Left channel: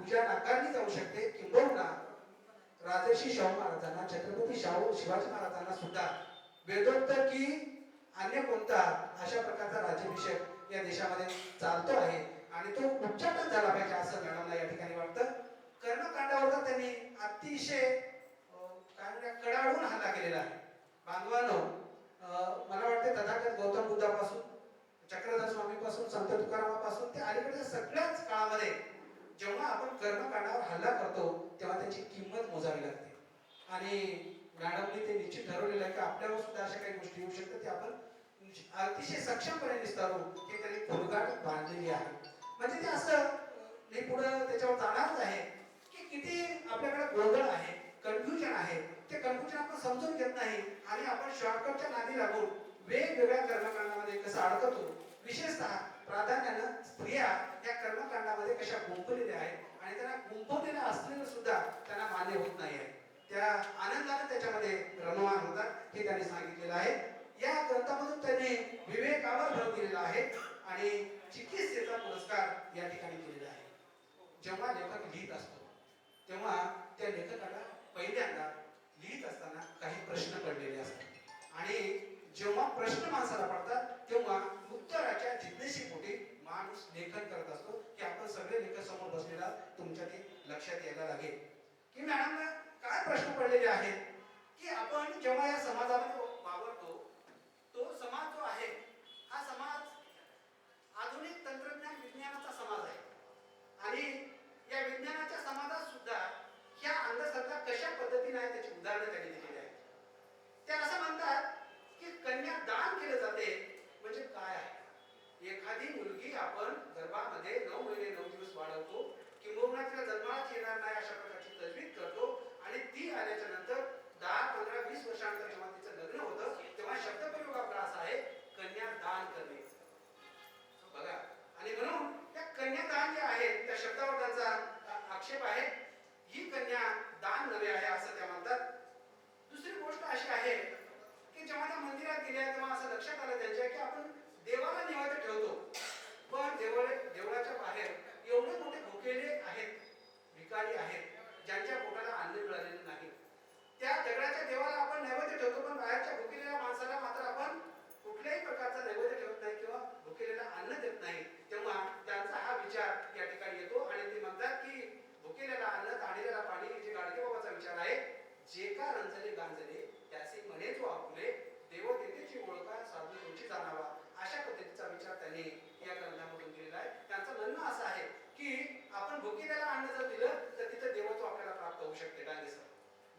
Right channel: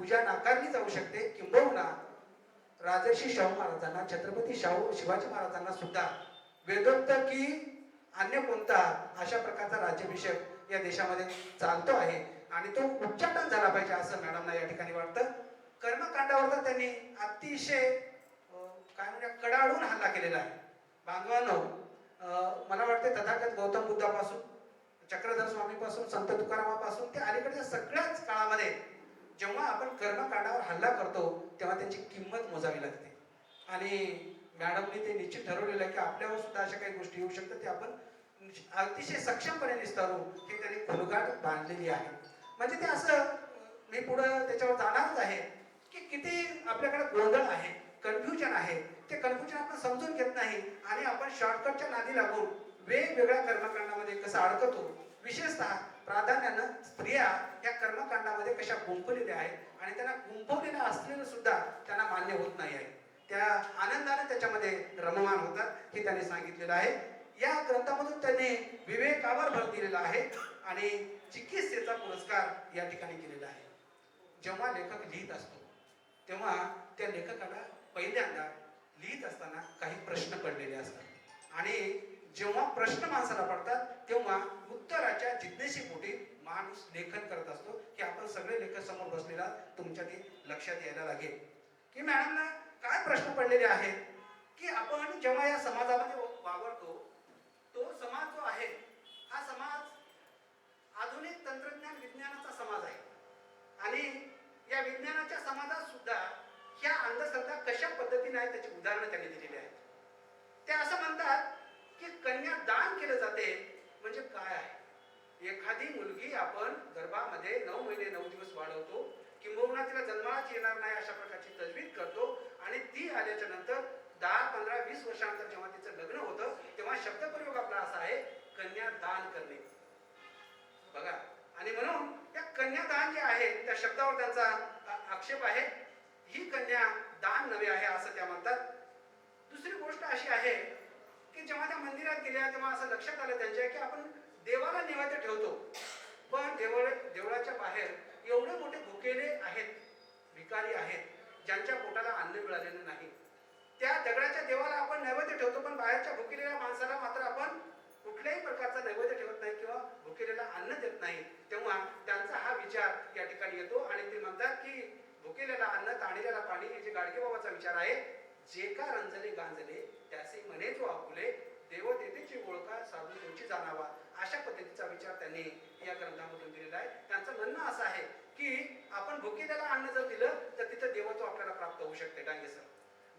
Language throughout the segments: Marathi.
पूजा नाकारली जाऊ शकते. किंबहुना राजर्षी शाहू महाराजांना, छत्रपती शिवाजी महाराजांना सुद्धा वेदोक्त की अन्य कोणता अशा प्रकारचा राज्याभिषेक या देशामध्ये चालतो आहे आणि तो उच्चाटन झाला पाहिजे असं मॅडमला या ठिकाणी वाटतं. कर्मकांडावर त्यांनी अतिशय काय म्हणजे कडाडून हल्ला केलेला आहे. बांधवांनो, मला वाटते तथागत गौतम बुद्धापासून, चक्रधर स्वामीपासून, संत तुकारामापासून ते अलीकडच्या सगळ्याच काळामध्ये जेव्हा आपण कर्मकांडावर हल्ला करतो तेव्हा त्यांची किंमत मोजावी लागते. आणि मॅडमने ते निश्चित ठरवलेलं आहे की आपल्यावर सुद्धा अशा काही गोष्टी येऊ शकतात, ते आपण अतिशय सक्षमपणे निस्तारू हे त्यांनी खोलगाट बांधलेली आहे. म्हणजे ते असं मी पुढं त्याच्यावर जाणारच आहे की किती आपल्याकडे गोंधळ आहे, कन्फ्युजन आहे. ते कन्फ्युजन आपण समजून घेत नाही आणि आपण शॉर्टकटच्या नादी लागून वेगवेगळ्या कर्मकांडामध्ये कसं अडकतो. विशेषतः प्राधान्यानं स्त्रिया या कर्मकांडामध्ये कशा गुंफलेल्या आहेत आणि त्यांना गुंफवलेल्या असलेलं सुद्धा त्यांना मान्य होत नाही आहे. त्या आनंदाने त्याच्यामध्ये रममान होतात हे त्यांनी सांगितलेलं आहे. या ग्रंथामधून त्यांनी विवेकावर भर दिलेला आहे आणि चिकित्सेचा पुरस्कार या ठिकाणी दिलेला आहे. जेव्हा लेखक लिहित असतो तेव्हा त्या लेखकाला पहिल्यांदा लिहित असताना काही प्रश्न पडलेले असतात आणि जेव्हा प्रश्न माणसाला पडतात तेव्हा उत्तराच्या जिज्ञेशीपोटी माणूस लेखन करत असतो की आपण सगळे लेखक समोर बसलेला तुमच्या ते लक्षात यायला लागेल की मॅडमना काय प्रश्न पडलेले आहेत की आपण जेव्हा या समाजामध्ये वावरतो तो समाज जो आहे हा समाज आधुनिक तंत्रज्ञान विज्ञानाचा समाज आहे आणि या विज्ञानाच्या समाजात सुद्धा ह्या अंधश्रद्धा कशा पद्धतीने आहेत त्याची उदाहरणं त्यांनी दिलेली आहेत. ते असं म्हणतात की कन्यादान केलं जाते म्हणजे काय आहे. एखादी मुलगी आपण गर्भामध्ये 9 महिने 9 दिवस वाढवतो, किंबहुना तिला जन्मालाच येणार नाही अशा प्रकारची तजवीज करतो आणि ती आल्याच्या नंतर 10, 15, 20 वर्षानंतर जेव्हा तिचं लग्न होतं तेव्हा शब्दप्रयोग आपला असा आहे कन्यादान करणे. बघा, आणि म्हणून त्या कन्यादान जे आहे त्या शब्दावर त्यांचा आक्षेप आहे. ही कन्या दान नव्हे आहे असं त्या म्हणतात. दुसरी गोष्ट अशी आहे की जेव्हा त्या मंदिरात गेल्या तेव्हा असं लक्षात आलं त्यांच्या की आपण देवाला नैवेद्य ठेवतो पण देवळाच्या बाहेर एवढे मोठे भुकेले आहेत, भिकारी आहेत ज्यांच्या पोटाला अन्न मिळालेलं नाही. त्या दगडाच्या देवाला आपण नैवेद्य ठेवतो पण बाहेरच्या भुकेलेल्या माणसाला मात्र आपण कुठल्याही प्रकारचा नैवेद्य ठेवत नाही किंवा भुकेलेला अन्न देत नाही. तेव्हा त्यांचा हा विचार या ठिकाणी येतो आणि ते म्हणतात की भुकेलेला अन्न ताणलेला पाणी हे जे गाडगे बाबाचा विचार आहे. जे का रंजले गांजले त्याचे म्हणे जो आपुले देव देतेची ओळखा साधू तुमची जाणावा अशा पद्धतीचा विचार त्यांनी या ग्रंथामधून दिलेला आहे. त्यांचं म्हणणं असं आहे की आपण भुकेलेला अन्न जर दिलं तर तिथं देवत्व आपल्याला प्राप्त होऊ शकते. डांगे सर,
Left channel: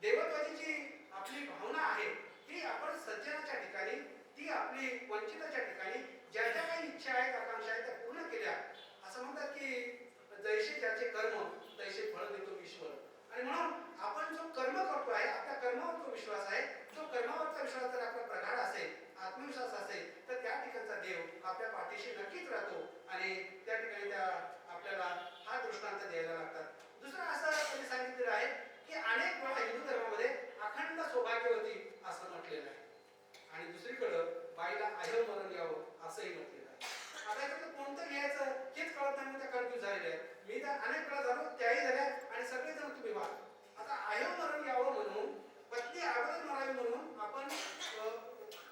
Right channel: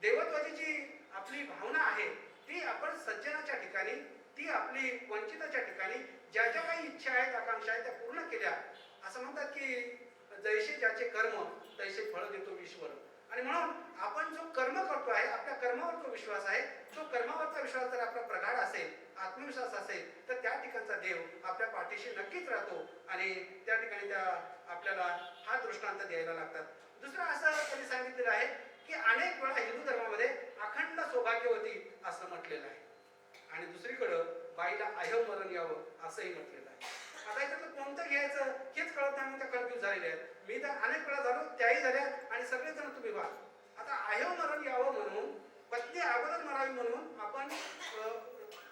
देवत्वाची जी आपली भावना आहे ती आपण सज्जनाच्या ठिकाणी, ती आपली वंचिताच्या ठिकाणी ज्या ज्या काही इच्छा आहेत, आकांक्षा आहेत त्या पूर्ण केल्या. असं म्हणतात की जैसे ज्याचे कर्म तैसे फळ देतो ईश्वर. आणि म्हणून आपण जो कर्म करतो आहे आपल्या कर्मावर जो विश्वास आहे, तो कर्मावरचा विश्वास जर आपला प्रगाढ असेल, आत्मविश्वास असेल तर त्या ठिकाणचा देव आपल्या पाठीशी नक्कीच राहतो आणि त्या ठिकाणी त्या आपल्याला हा दृष्टांत द्यायला लागतात. दुसरं असं त्यांनी सांगितलेलं आहे की अनेक वेळा हिंदू धर्मामध्ये अखंड सौभाग्यवती असं म्हटलेलं आहे आणि दुसरीकडं बाईला अयव मरण यावं असंही म्हटलेलं आहे. आता याच्यातलं कोणतं घ्यायचं हेच कळत नाही, त्या कन्फ्युज झालेले आहेत. मी तर अनेक वेळा झालो, त्याही झाल्या आणि सगळेजण तुम्ही व्हा. आता अयव मरण यावं म्हणून पत्नी अगोदर मरावी म्हणून आपण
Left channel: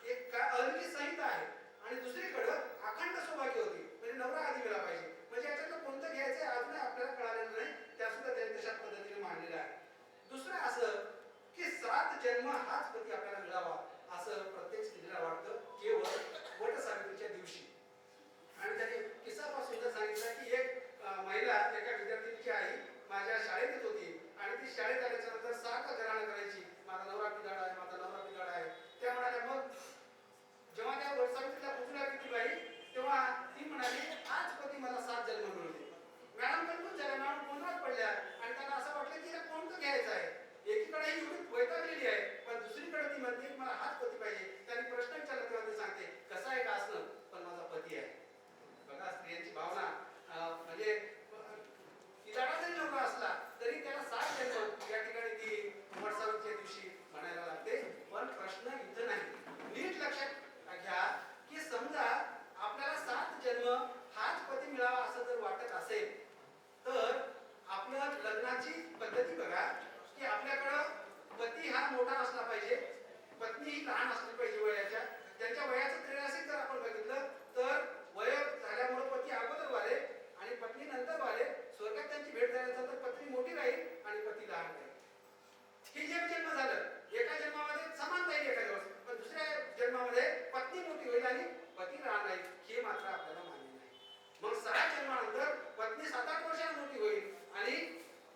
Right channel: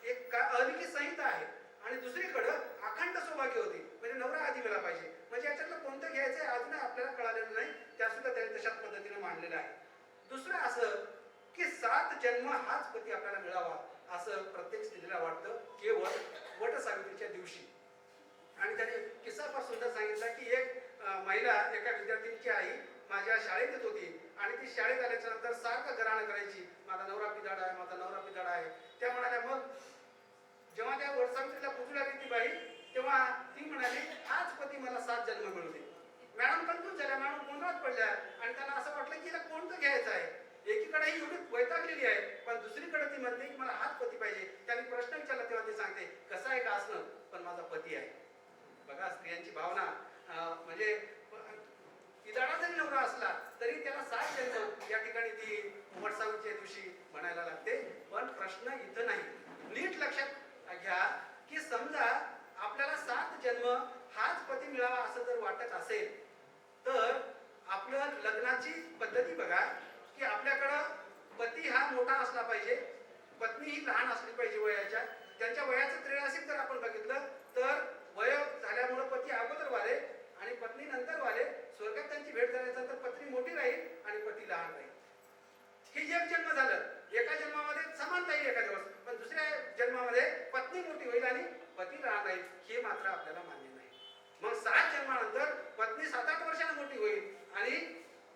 एक अलिखित संहिता आहे आणि दुसरीकडं अखंड सौभाग्य होती म्हणजे नवरा आधी गेला पाहिजे. म्हणजे याच्यातलं कोणतं घ्यायचंय अजूनही आपल्याला कळालेलं नाही. त्या सुद्धा त्यांनी तशाच पद्धतीने मांडलेलं आहे. दुसरं असं की 7 जन्म हाच पती आपल्याला मिळावा असं प्रत्येक स्त्रीला वाटतं केवळ वट सावित्रीच्या दिवशी. आणि त्याने किस्सा फार सुंदर सांगितला की एक महिला एका विद्यार्थिनीची आई माझ्या शाळेत येत होती आणि ती शाळेत आल्याच्या नंतर सारखं घराणं करायची, माझा नवरा पिदाड आहे, माझा नवरा पिदाड आहे. त्या म्हणाल्या, मग जेव्हा त्या वटसावित्रीला पुजू लागली ती बाई तेव्हा ती म्हणाली आज पती मला 7 जन्म मिळू दे. मॅडम कन्फ्युज झाल्या, मॅडम गोंधळात पडल्या आणि त्यांना असं वाटलं की हिला कोणतं घ्यायचं आहे. एकीकडे ही एवढी वैतागलेली आहे पण दुसरीकडे ती म्हणते की मला हाच पती पाहिजे. त्यांनी प्रश्न विचारला तेव्हा ती सांगते कसं आहे का असणं पण माझा पती आहे. बघा स्त्रियांची भावना, म्हणजे पिदाडा जरी नवरा असला तरी त्याला 7 जन्म या ठिकाणी ती वटसावित्रीच्या दिवशी म्हणायला लागते. पण प्रश्न इथं नाही, नीट लक्षात घ्या की समजा आपल्याला 7 जन्म हाच पती मिळावा असं जर वाटत असेल तर आपलं पत्नी ही लहान असली पाहिजे वयाच्या. त्यांच्या वयाचं त्रेळ असेल तर आपण बघितलं तर वय झाल्यामुळे पती अगोदर वाले आणि पत्नी नंतर वाले. स्वर्गात त्यांची भेट झाल्यानंतर पत्नी मोठी राहील आणि पती लहान राहील. ही जे जन्म झालं एका जन्मामध्ये समानता येईल एका दिवस, पण दुसऱ्या जन्मामध्ये पत्नी मोठी होईल आणि पती लहान राहील. हे मात्र आपल्याला मान्य नाही. मग 6 जन्मानंतर पत्नी 7-8 वर्षांनी मोठी होईल आणि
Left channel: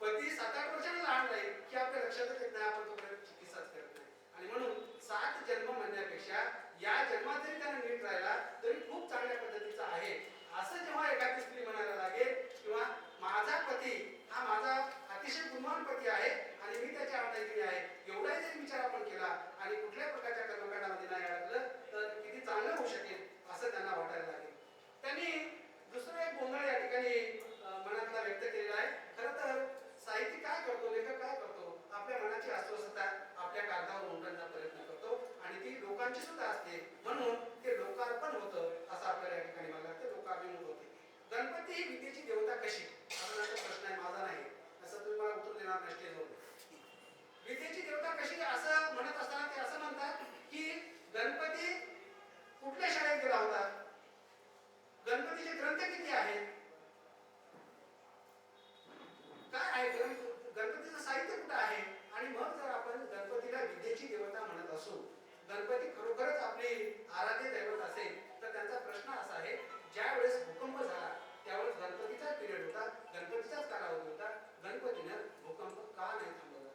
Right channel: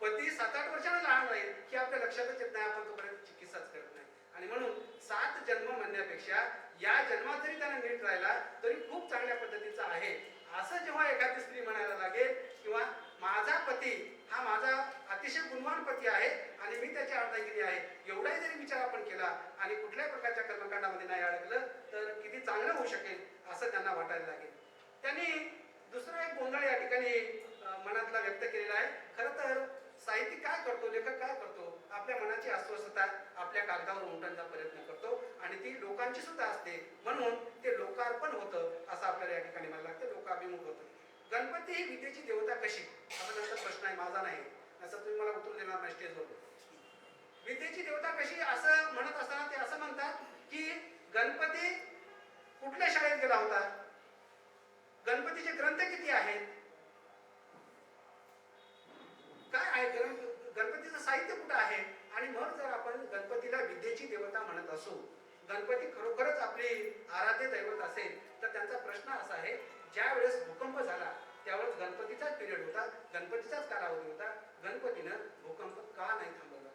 पती 7-8 वर्षांनी लहान राहील. हे आपल्या लक्षातच येत नाही. आपण तोपर्यंत चिकित्साच करत नाही. आणि म्हणून 7 जन्म म्हणण्यापेक्षा या जन्मात जरी त्याने नीट राहिला तरी खूप चांगल्या पद्धतीचा आहे असं जेव्हा एखादी स्त्री म्हणायला लागेल, किंवा माझा पती हा माझा अतिशय गुणवान पती आहे आणि मी त्याची अर्धांगिनी आहे, एवढाही जरी विचार आपण केला आणि कुठल्याही प्रकारच्या कर्मकांडामध्ये नाही अडकलं तर किती चांगलं होऊ शकेल असं त्यांना वाटायला लागेल. त्यांनी दुसरा एक गोंधळ या ठिकाणी मनातला व्यक्त केलेला आहे. खरं तर साहित्यिक काय करतो, लेखक काय करतो, आपल्या मनाची अस्वस्थता आपल्या कागदावर उमटवण्याचा प्रयत्न करतो आणि ती लोकांची सुद्धा असते. म्हणून ते लोकार्पण होतं असं आपल्याला या ठिकाणी म्हणायला लागतं, लोकाभिमुख होतं. गणपती ही विद्येची देवता कशी, असा नंतर प्रश्न आहे, माझा नाही. असं तुम्ही मला उत्तर देणार नाही स्टेजवर. विद्येची देवता कशी असं म्हणत असताना ते असं म्हणतात की गणपती कुठल्या शाळेत गेला होता, गणपतीचे ग्रंथ किती आहेत, काय आहे गणपतीचं साहित्य कुठं आहे. आणि मग जर आपण गणपतीला विद्येची देवता म्हणत असू, गणपती खरोखरच आपली आराध्य दैवत असेल तर त्यांचा प्रश्न असा आहे, ज्या वेळेस भूकंप झाला त्यावेळेस गणपतीचाच पिरियड होता, गणपतीचाच कालावधी होता, गणपतीनं भूकंप का नाही थांबवला.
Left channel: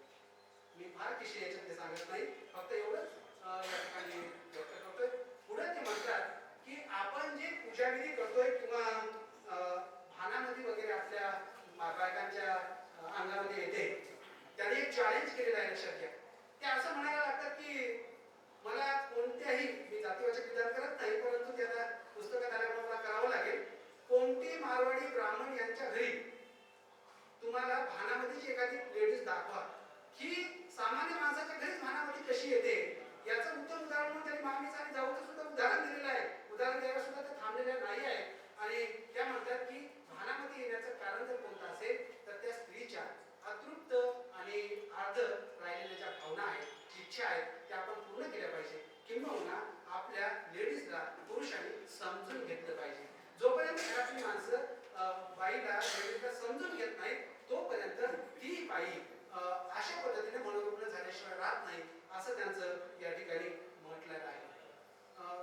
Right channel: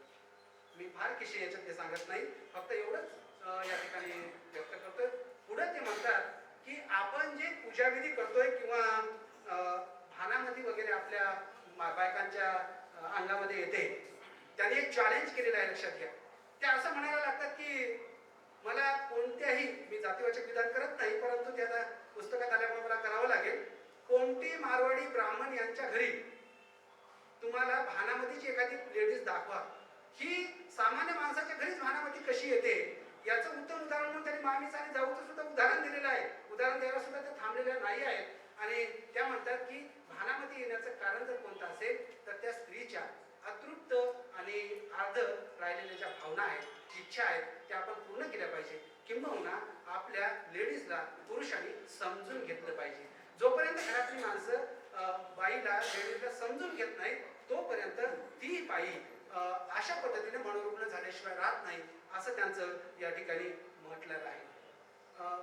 मी फार किशी याच्यात ते सांगत नाही, फक्त एवढंच या ठिकाणी व्यक्त करतोय. पुढे ते म्हणतात की आपण जे पूजाविधी करतोय किंवा भानामती वगैरे आपल्या बायकांच्या अंगामध्ये येते, त्याने एक चॅलेंज केलेलं आहे, लक्षात घ्या. ते असं म्हणायला लागतात की मला कोणत्याही, मी जातीवाचक विधान करत नाही परंतु ते आता पुस्तकात आल्यामुळे मला करावं लागेल, कोणती मारवाडी ब्राह्मण यांच्या घरी तुम्हाला भानामतीची एखादी लेडीज दाखवा, ही सामान्य माणसाच्या घरीच भानामती कशी येते याचं उत्तम उदाहरण म्हणून त्यांनी मामीचं आणि जाऊचं सुद्धा उदाहरण दिलेलं आहे. उदाहरण द्यायला सुद्धा ते थांबलेले नाही आहेत. आणि त्या म्हणतात की भानामती येण्याचं कारण जर कोणतं असेल तर त्या स्त्रीच्या अतृप्त आणि अर्ध राहिलेल्या ज्या भावना आहेत, इच्छा आहेत, त्या आपण पूर्ण केल्या पाहिजे. किंबहुना आपल्या लेडीजला पुरुषांनी समजून घेतलं पाहिजे. जोपर्यंत घरातली माणसं बाईला लेडीजला समजून घेत नाही तोपर्यंत ती बाई अशा पद्धतीने मनोरुग्ण झाल्याशिवाय राहत नाही असं त्यांचं या ठिकाणी म्हटलेलं आहे.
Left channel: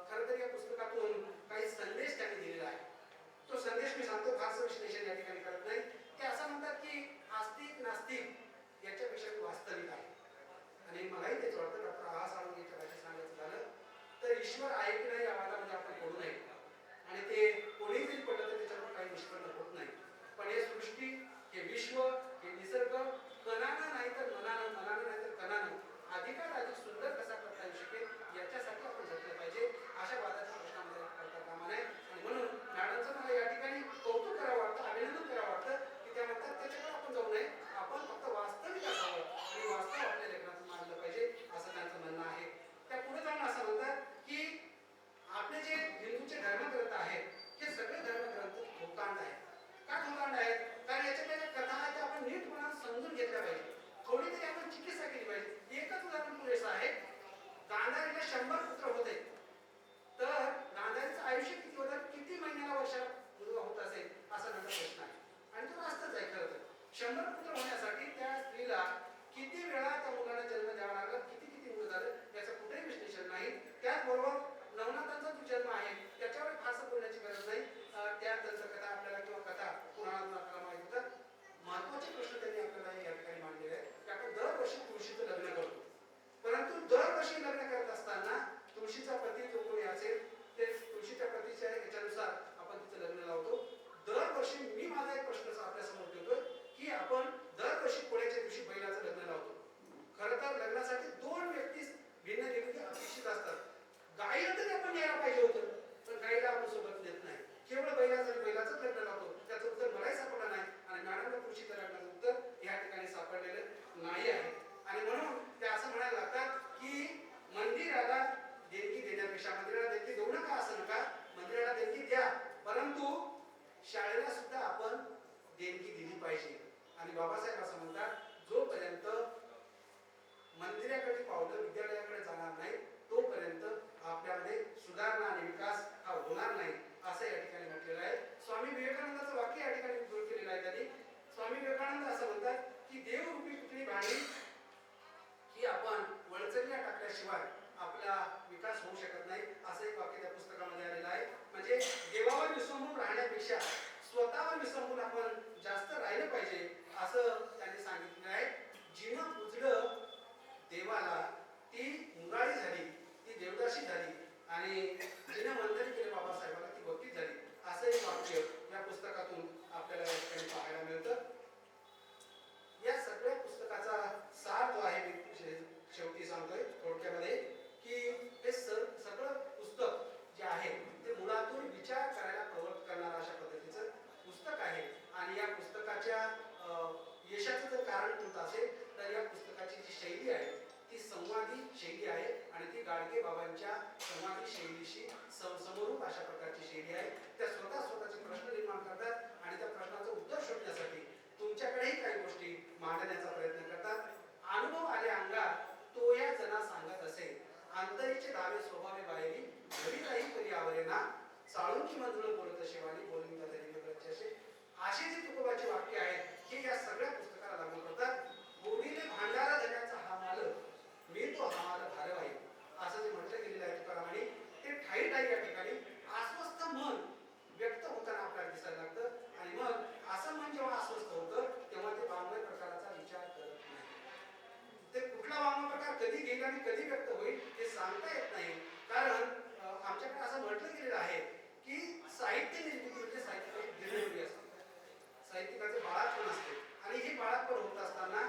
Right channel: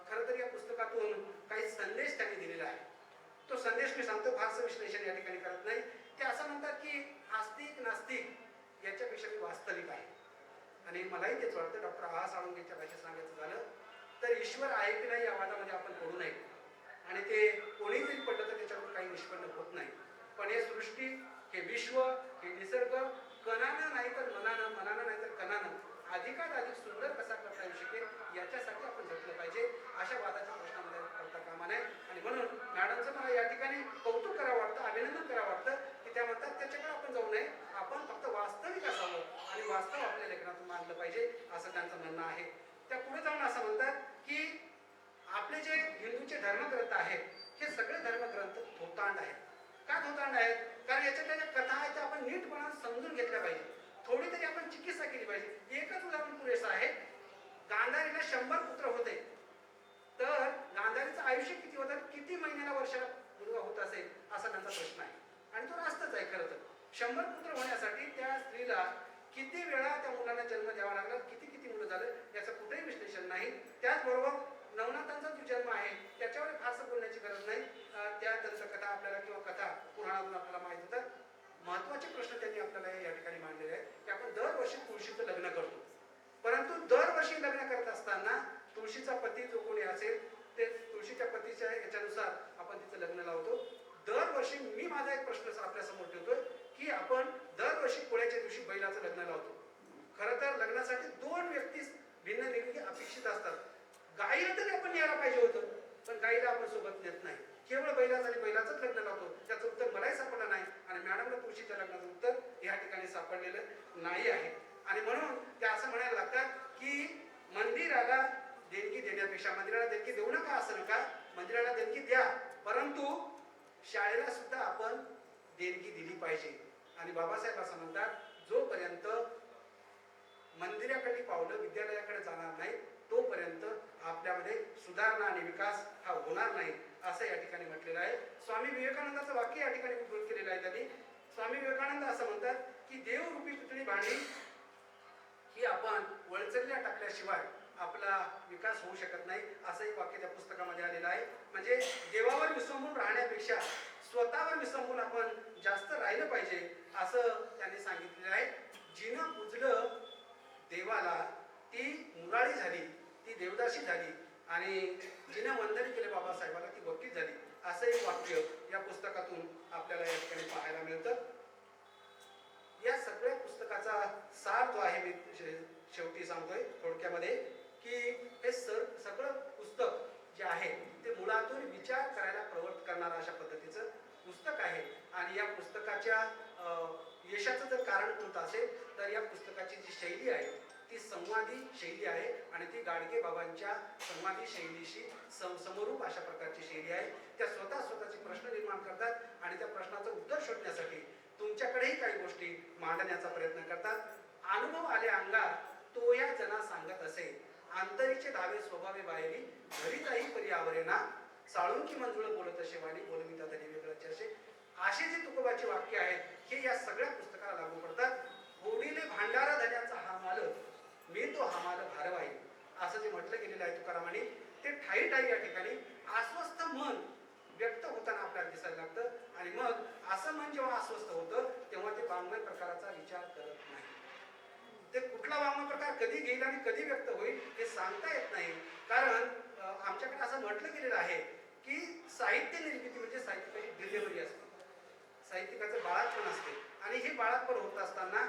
खरं तर या पुस्तकातून काही संदेश त्यांनी दिलेला आहे. तो संदेश मी सांगतो, फारसं विश्लेषण या ठिकाणी करत नाही. ते असं म्हणतात की आस्तिक नास्तिक याच्यापेक्षा मी वास्तविक आहे. आणि मलाही तेच वाटतं. डॉक्टर आहा साळुंखेच्या भाषेत सांगायचं झालं तर ईश्वर आहे की नाही या वादामध्ये आपण पडू नये. आणि ते कोणीही जरी पडलं तर त्याच्यावर काही निष्पन्न होत नाही. पण हे सृष्टी, हे विश्व, हे निसर्ग कणानं नाही तर मनानं, मनानं नाही तर कणानं अधिकात अधिक सुंदर कसा करता येऊ शकेल याच्यासाठी आपण झटलं पाहिजे. अशा वादाच्या प्रश्नामध्ये करता कामा नये. आणि म्हणून मॅडमचं मला या ठिकाणी कौतुक करावं वाटतं, अभिनंदन करावं वाटतं की त्या म्हणतात त्याच्याकडे आपण जाऊ नये, आपण फक्त वास्तविक असावं आणि वास्तव आपल्या लेखनातून मानलं पाहिजे असं त्यांचं म्हणणं आहे. त्या पुढे जाऊन असं म्हणतात की आपले जे हिंदूचे धर्मग्रंथ आहेत हे सगळे धर्मग्रंथ भूतांड आहेत. का भूतांड आहेत? कारण याच्यातल्या ज्या कथा आहेत त्या आपण नीटपणाने समजून घेतल्या पाहिजे, थोडी तरी आपण चिकित्सा केली पाहिजे. एकच उदाहरण पुरेसं आहे. गांधारीला 100 पुत्र होते तर गांधारीचं आयुष्य किती होतं, किती महिन्याला वर्षाला मुलगा होत असेल असा त्यांचा प्रश्न आहे. आणि तो रास्तच आहे. खरं तर 100 पुत्र होण्यासाठी त्या स्त्रीला किती वेळा त्या मुलाला जन्म द्यावा लागला, किती किती मुलं झालं याचं कुठेही विश्लेषण नाही. त्याचबरोबर नवनाथांचा जो जन्म आहे त्याच्यावर फारसं बोलण्याची गरज नाही. त्या दंतकथा आपल्याला किंवा कथा पुराणातून आपल्याला माहिती होतं. महत्वाचे प्रश्न त्यांनी आपल्याला या ठिकाणी मांडलेले आहेत की आपण दरवर्षी तुळशीचं लग्न करतो, परंतु दरवर्षी लग्न करत असताना तुळशीचा पती जो कोणी असेल ते तुळशीच्या पतीच्या याच्यानुसार आपण तिचं लग्न लावतो. दरवर्षी मी माझा एक प्रश्न आपल्या समोर ठेवतोय की आपण दरवर्षी पोळ्याच्या दिवशी बैलाचं लग्न लावतो. खरं तर लग्नासाठी 2 व्यक्ती भिन्न निरोगी अपेक्षित असतात. गाईला तरी आपण यायला पाहिजे होतं, पण गाईला आपण सोबत नेत नाही, केवळ बैलासाठी बैलाचंच लग्न लावतो. त्याचं उत्तर मलाही सापडलं नाही आणि मॅडमला तुळशीच्या लग्नाचं उत्तर या ठिकाणी सापडलेलं नाही आहे. आणि म्हणून ते असं म्हणायला लागतात की मंदिराला देणगी देण्यापेक्षा, मंदिराला देणगी देऊ नका असं नका, मंदिराला देणगी द्या, परंतु शाळेला सुद्धा आपण देणगी दिली पाहिजे. आणि बाबासाहेब असं म्हणतात जोपर्यंत मंदिराकडे पावलं विद्यालयाकडे जाणार नाही तोपर्यंत आपल्यामध्ये सुधारणा आणि विकास हा होणार नाही, असं या ठिकाणी म्हटलेलं आहे. स्वामी विवेकानंदाचं वाक्य या ठिकाणी उद्धृत केलेलं आहे त्यांनी. स्वामी विवेकानंद असं म्हणतात की देवरूपी पुतळी बांधली की आपण वळचल्या टाकल्याशिवाय आपला विकास होऊ शकत नाही, असं एक वाक्य त्या पुस्तकामध्ये आलेलं आहे. म्हणजे देवावर विसंबून राहण्यापेक्षा स्वतःवर विसंबून आपण जास्त राहिलं पाहिजे, असं त्यांनी सांगितलेलं आहे. जिनं पूजलं देवाला ती मुरारी झाली, ती देवदासी झाली, आणि जिनं वंदन केलं बाबासाहेबाला ती भक्ती झाली, असं एक वाक्य या पुस्तकातून आपल्याला या ठिकाणी पाहायला मिळतं. या सगळ्या पुस्तकाचा सार जो आहे, मी शेवटी सांगतोय थोडक्यामध्ये, की हे सगळं पुस्तक जे आहे ते मुळातून विचार करायला प्रवृत्त करणारं अशा पद्धतीचं पुस्तक आहे. आणि या पुस्तकाच्या यशाचं जर कारण कोणतं असेल तर या पुस्तकाची जी शैली आहे ती संवादी शैली आहे, आणि ती गाडगे बाबांच्या संवादी शैलीशी समरूप अशा प्रकारची शैली आहे. त्या स्वतःचे प्रश्न निर्माण करतात आणि त्या प्रश्नाचं उत्तर शोधण्यासाठी तुमच्याकडेही काही गोष्टी मांडण्याचा प्रयत्न करतात. अनुभव आले अंगात तो या जना सांगत असे, आंतरीचे धावे स्वभावे बाहेरी घरी काही परी आवरेना, चाळून की मंजुळ बोलत शेवानी बोलविता तरी वेगळ्याचे असे जे तुकोबाचे वाक्य आहेत हे या सगळ्या पुस्तकाला लागू पडतात. गोडीले भांडारा धन्याचा हा माल, मी तो हा माल भारवाई, असं जे म्हटलं गेलेलं आहे तुकारामाने, ते ठाई ठाई या ठिकाणी अस्वस्थ मन व्यक्त होताना आपल्याला दिसायला लागतं. आणि मग असं मन जेव्हा अस्वस्थ होतं तेव्हा ते वाङ्मय प्रकाराचा विचार करत नाही. ते कुठला वाङ्मय प्रकार कधी घेईल आणि कधी व्यक्त होईल हे सांगता येत नाही. कारण आमच्याकडे असं म्हटलं गेलेलं आहे की साहित्य निर्मिती म्हणजे साहित्याची डिलिव्हरी असते, साहित्यिकाचे बाळातपण असते. आणि हे बाळातपण होत असताना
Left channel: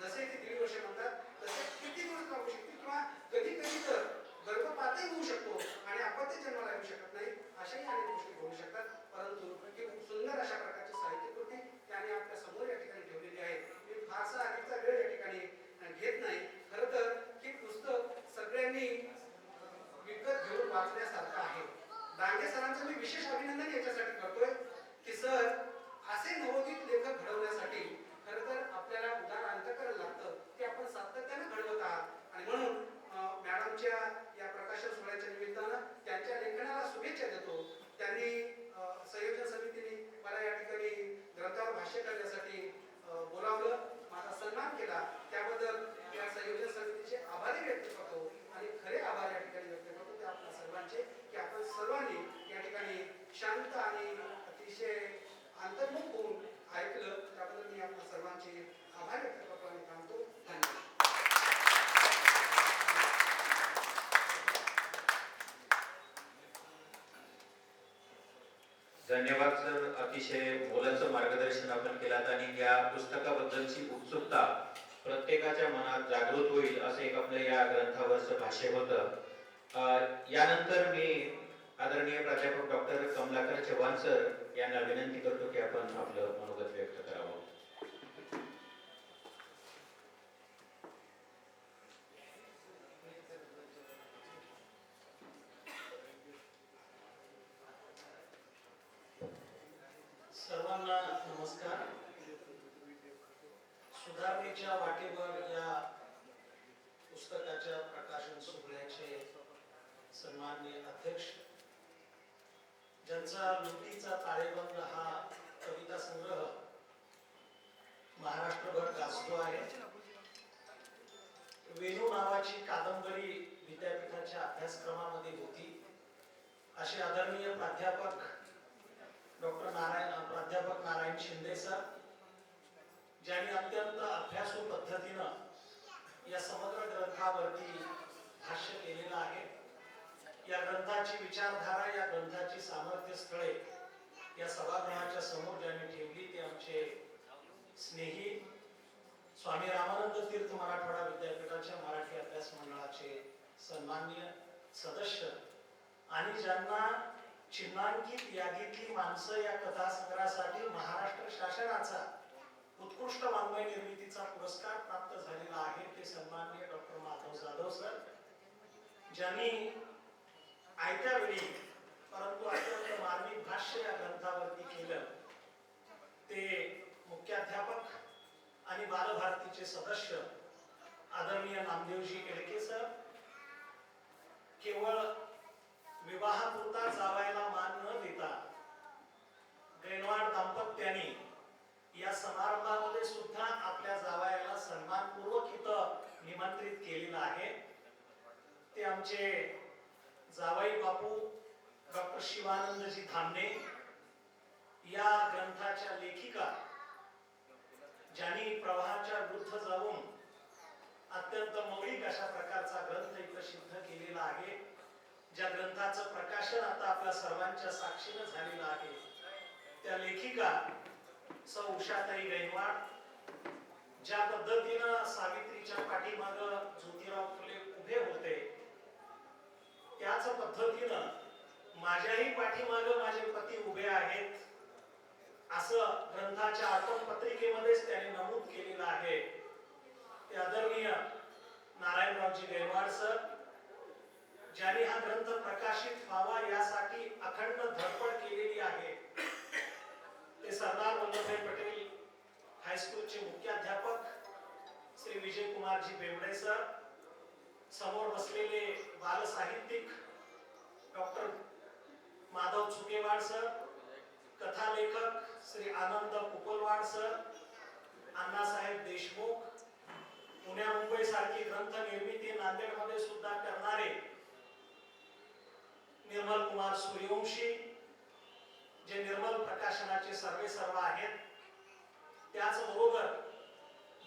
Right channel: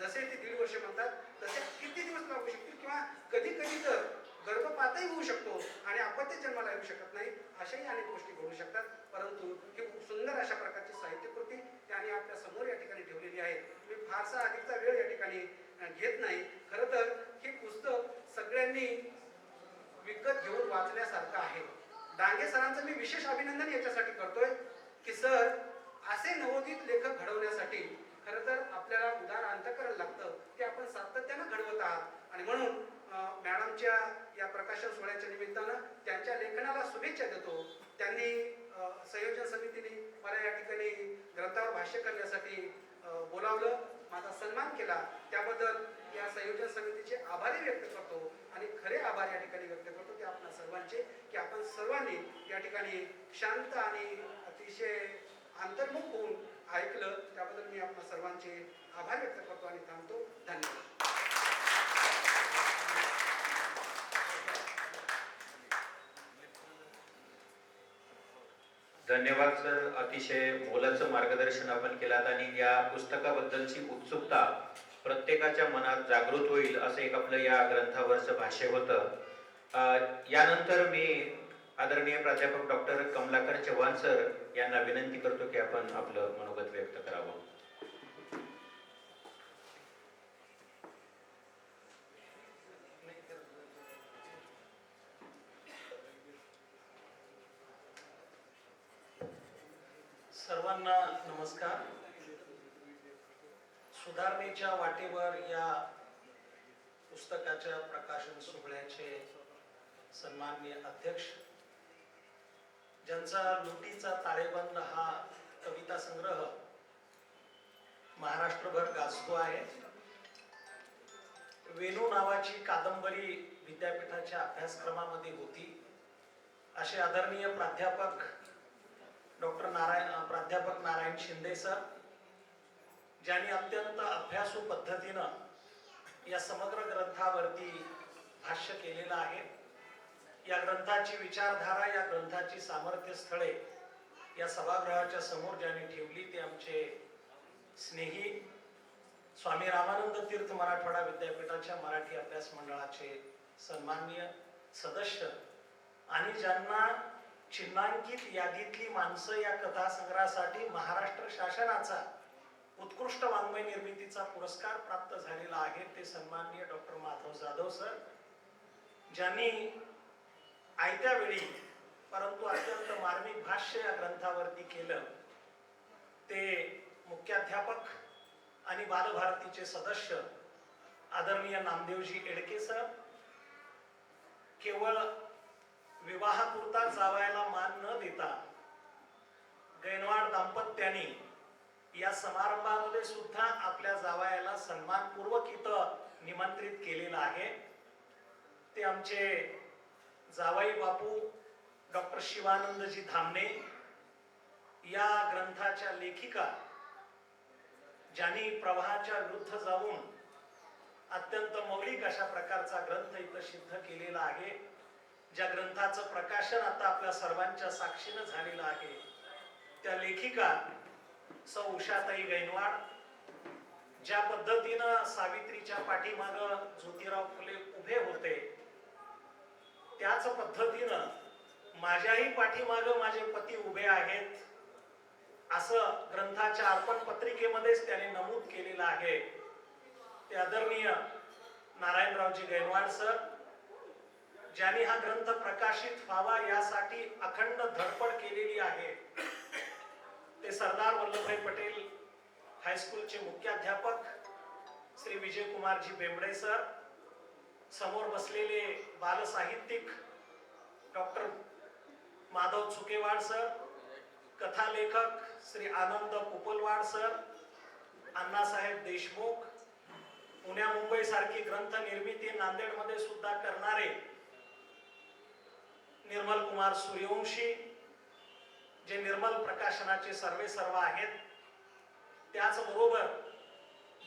जसे ते 1.5 वर्ष म्हणतात तसे किती दिवस लागू शकतील, किंवा कधी कधी तर गर्भपातही होऊ शकतो आणि अपत्य जन्माला येऊ शकत नाही, अशाही अनेक गोष्टी घडू शकतात. परंतु ही खूप सुंदर अशा प्रकारची साहित्यकृती त्याने आपल्या समोर या ठिकाणी ठेवलेली आहे. मी फारसा अधिकचा वेळ या ठिकाणी घेत नाही. खरं तर हे पुस्तक सगळ्यांनी विकत घेऊन वाचण्यासारखं आहे. डांगे सरांचं मी विशेष अभिनंदन याच्यासाठी करतोय की सर, असे नवोदित लेखक घडवण्यासाठी खरं तर आपल्याला उदार अंतःकरण लागतं, ते आपण सातत्यानं घडवत आहात. आणि म्हणून मॅडमच्या या प्रकाशन सोहळ्याच्या निमित्तानं त्यांच्या लेखनाला शुभेच्छा देतो. त्यांनी संयोजन समितीने मला या ठिकाणी ग्रंथावर भाष्य करण्यासाठी बोलावलं, माझा सन्मान केला, त्याबद्दल या संयोजन समितीचे आभारी व्यक्त करतो. आणि खरे आभार या ठिकाणी व्यक्त करतो ते आपल्या सर्वांचे, की आपण सर्वांनी या ठिकाणी शांत आणि अतिशय अंतर्मुख होऊन ऐकलं, त्याबद्दल मी आपल्या सर्वांचे आभार व्यक्त करतो आणि थांबतो. धन्यवाद. धन्यवाद सर, अतिशय मोलाचं मार्गदर्शन आपण केलात आणि या पुस्तकाबद्दलची उत्सुकता प्रत्येकाच्या मनात जागृत होईल असं एक आपलं या ग्रंथावरचं भाष्य होतं. यानंतर मी आदरणीय प्राध्यापक डॉक्टर कमलाकर चव्हाण सर यांना विनंती करतो की आपण आपलं मनोगत व्यक्त करावं. सर्वांना नमस्कार. सुधारणेच्या वाटेवर या पुस्तकाच्या प्रकाशन सोहळ्याचे सन्माननीय अध्यक्ष, ज्यांचा लुटीचा ताळेबंद हा कविता संग्रह महाराष्ट्रभर गाजतो आहे. वेणू नावाची कादंबरी विद्यापीठाच्या अभ्यासक्रमामध्ये होती, असे आदरणीय प्राध्यापक प्राध्यापक नारायण शिंदे सर, ज्यांनी अत्यंत अभ्यासू पद्धतीनं या समग्र ग्रंथावरती भाष्य केलेलं आहे. या ग्रंथाची विचारधारा, या ग्रंथाची सामर्थ्य स्थळे या सभागृहाच्या समोर ज्यांनी ठेवली ते आमचे स्नेही स्वामी रामानंद तीर्थ मराठवाडा विद्यापीठाच्या मराठी अभ्यास मंडळाचे सन्माननीय सदस्य, आणि ज्यांना चिन्हांकित यादीतली माणसं या कथासंग्रहासाठी महाराष्ट्र शासनाचा उत्कृष्ट वाङ्मय निर्मितीचा पुरस्कार प्राप्त झालेला आहे, ते सन्माननीय डॉक्टर माधव जाधव सर, ज्यांनी आयत्या वेळी परंतु अत्यंत मार्मिक भाष्य या ग्रंथावरती केलं. ते मुख्याध्यापक आणि बालभारतीचे सदस्य आदरणीय नामदेवजी एडके सर, केवळ विवाहापुरता जावयाला मान न देता गैनवाड दाम्पत्याने या समारंभामध्ये सुद्धा आपल्या जावयाला सन्मानपूर्वक इथं निमंत्रित केलेलं आहे. ते आमचे जावई बापू डॉक्टर शिवानंदजी धामणे, या ग्रंथाच्या लेखिका, ज्यांनी प्रवाहाच्या विरुद्ध जाऊन अत्यंत मौलिक अशा प्रकारचा ग्रंथ इथं सिद्ध केलेला आहे. ज्या ग्रंथाचं प्रकाशन आता आपल्या सर्वांच्या साक्षीनं झालेलं आहे, त्या लेखिका सौ उषाताई गैनवाड ज्या पद्धतीनं सावित्रीच्या पाठीमाग ज्योतिराव फुले उभे होते, त्याच पद्धतीनं माझ्याही पाठीमाग माझे पती उभे आहेत, असं ग्रंथाच्या अर्पण पत्रिकेमध्येच त्याने नमूद केलेलं आहे. ते आदरणीय नारायणरावजी गैनवाड सर, ज्यांनी हा ग्रंथ प्रकाशित व्हावा यासाठी अखंड धडपड केलेली आहे. ते सरदार वल्लभभाई पटेल हायस्कूलचे मुख्याध्यापक श्री विजयकुमारजी बेंबडे सर, समोर बसलेले बालसाहित्यिक डॉक्टर माधव चुकेवाड सर, कथा लेखक श्री आनंद कुपलवाड सर, अण्णासाहेब देशमुख, पुण्या मुंबई सारखी ग्रंथ निर्मिती नांदेडमध्ये सुद्धा करणारे निर्मल कुमार सूर्यवंशी, जे निर्मल प्रकाशनाचे सर्वे सर्व आहेत. त्याचबरोबर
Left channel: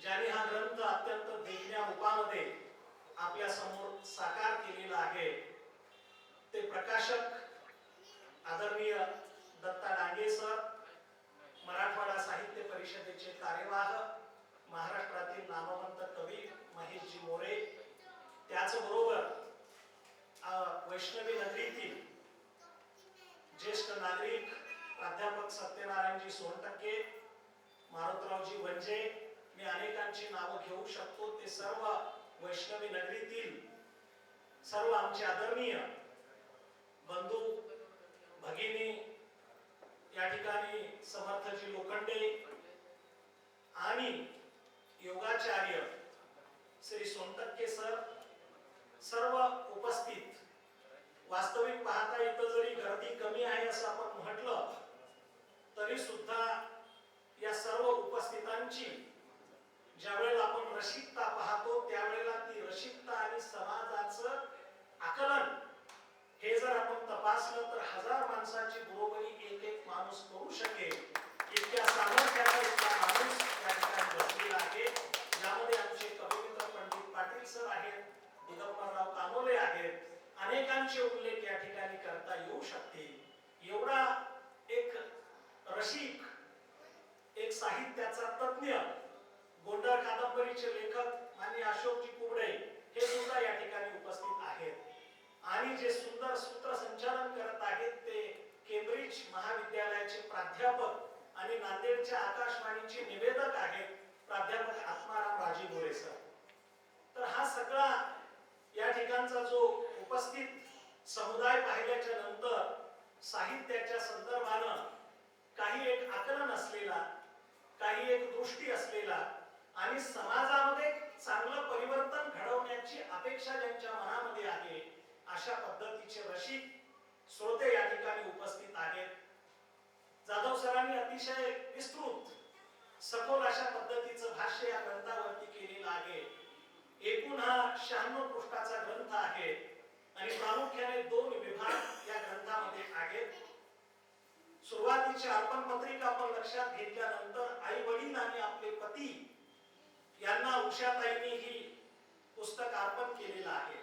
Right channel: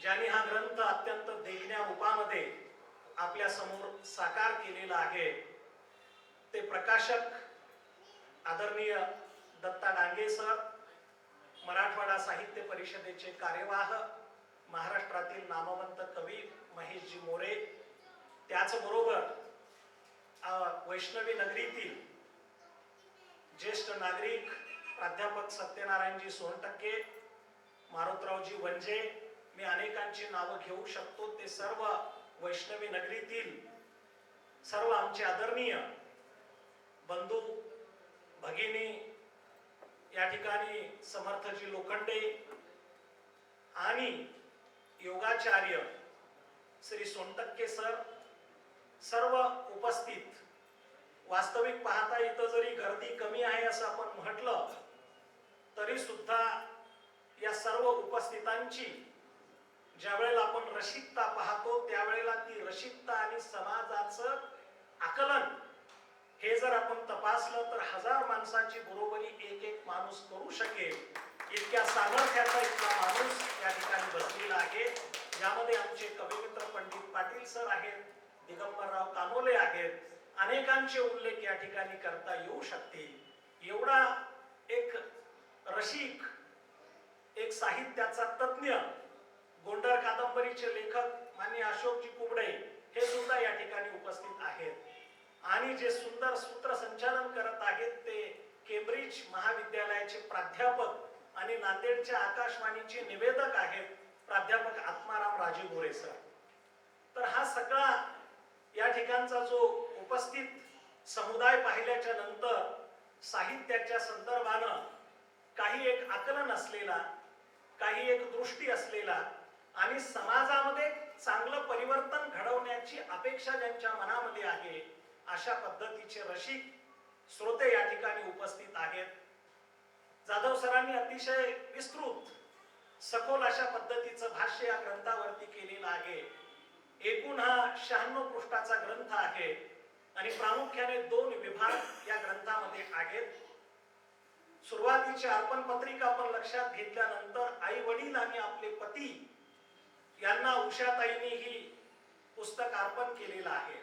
ज्यांनी हा ग्रंथ अत्यंत देखण्या रूपामध्ये आपल्या समोर साकार केलेला आहे, ते प्रकाशक आदरणीय दत्ता डांगे सर, मराठवाडा साहित्य परिषदेचे कार्यवाह, महाराष्ट्रातील नामवंत कवी महेशजी मोरे. त्याचबरोबर वैष्णवी नगरीतील ज्येष्ठ नागरिक प्राध्यापक सत्यनारायणजी सोनटक्के, मारुतरावजी वंजे, मी अनेकांची नावं घेऊ शकतो. ते सर्व वैष्णवी नगरीतील सर्व आमचे आदरणीय बंधू भगिनी, या ठिकाणी समर्थजी लोखंडे आणि योगाचार्य श्री सोनटक्के सर, सर्व उपस्थित. वास्तविक पाहता इथं जरी गर्दी कमी आहे असं आपण म्हटलं तरी सुद्धा या सर्व उपस्थितांची ज्यावेळेला आपण रसिकता पाहतो, त्यावेळेला ती रसिकता आणि समाजाचं आकलन हे जर आपण तपासलं तर 1000 माणसाची बरोबरी एक एक माणूस करू शकेल इतक्या सामर्थ्याचा इतका माणूस या ठिकाणी बसलेला आहे. यामध्ये आमचे कविमित्र पंडित पाटील सर आहेत, दिगंबरराव कानोले आहेत, अनेकांचे उल्लेख या ठिकाणी करता येऊ शकतील. एवढा एक रसिक, एक साहित्याचा तज्ञ, गोंडर कादंबरीचे लेखक माननीय अशोकजी कुबडे हे सुद्धा या ठिकाणी उपस्थित आहेत. आणि जे सुंदर सूत्रसंचालन करत आहेत ते केंब्रिज महाविद्यालयाचे प्राध्यापक आणि नांदेडच्या आकाशवाणीचे निवेदक आहेत प्राध्यापक आत्माराम राजेगोरे सर. तर हा सगळा या ठिकाणचा जो उपस्थित समुदाय पाहिल्याच्या नंतर साहित्याच्या संदर्भानं काही एक आकलन असलेला, काही एक दृष्टी असलेला आणि समाजामध्ये चांगलं परिवर्तन घडवण्याची अपेक्षा ज्यांच्या मनामध्ये आहे, अशा पद्धतीचे रसिक श्रोते या ठिकाणी उपस्थित आहेत. जाधव सरांनी अतिशय विस्तृत सखोल अशा पद्धतीचं भाष्य या ग्रंथावरती केलेलं आहे. एकूण हा 96 पृष्ठाचा ग्रंथ आहे आणि प्रामुख्याने 2 विभाग या ग्रंथामध्ये आहेत. सुरुवातीची अर्पण पत्रिका आपण लक्षात घेतल्यानंतर आई वडील आणि आपले पती यांना उषाताईंनी ही पुस्तक अर्पण केलेलं आहे.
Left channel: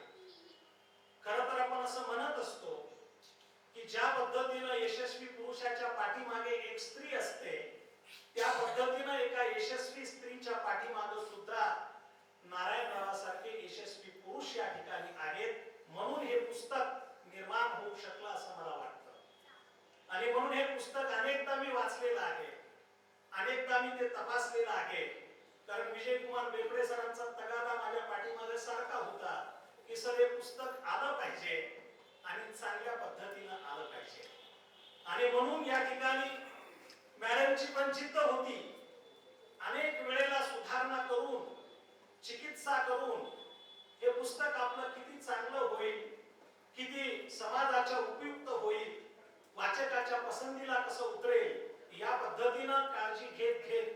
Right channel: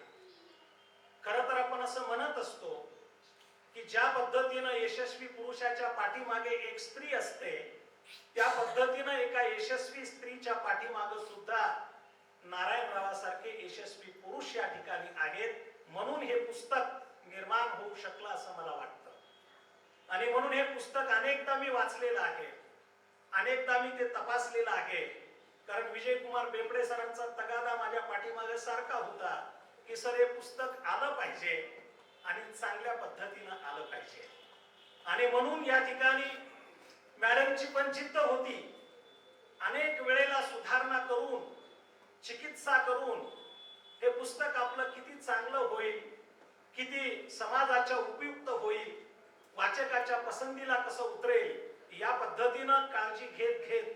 खरं तर आपण असं म्हणत असतो की ज्या पद्धतीनं यशस्वी पुरुषाच्या पाठीमागे एक स्त्री असते, त्या पद्धतीनं एका यशस्वी स्त्रीच्या पाठीमागे सुद्धा नारायणरावासारखे यशस्वी पुरुष या ठिकाणी आहेत. म्हणून हे पुस्तक निर्माण होऊ शकलं असं मला वाटतं. आणि म्हणून हे पुस्तक अनेकदा मी वाचलेलं आहे, अनेकदा मी ते तपासलेलं आहे. कारण विजयकुमार बेंबडे सरांचा तगादा माझ्या पाठीमागे सारखा होता की सर हे पुस्तक आलं पाहिजे आणि चांगल्या पद्धतीनं आलं पाहिजे. आणि म्हणून या ठिकाणी मॅडमची पण जिद्द होती. अनेक वेळेला सुधारणा करून, चिकित्सा करून हे पुस्तक आपलं किती चांगलं होईल, किती समाजाच्या उपयुक्त होईल, वाचकाच्या पसंतीला कसं उतरेल, या पद्धतीनं काळजी घेत घेत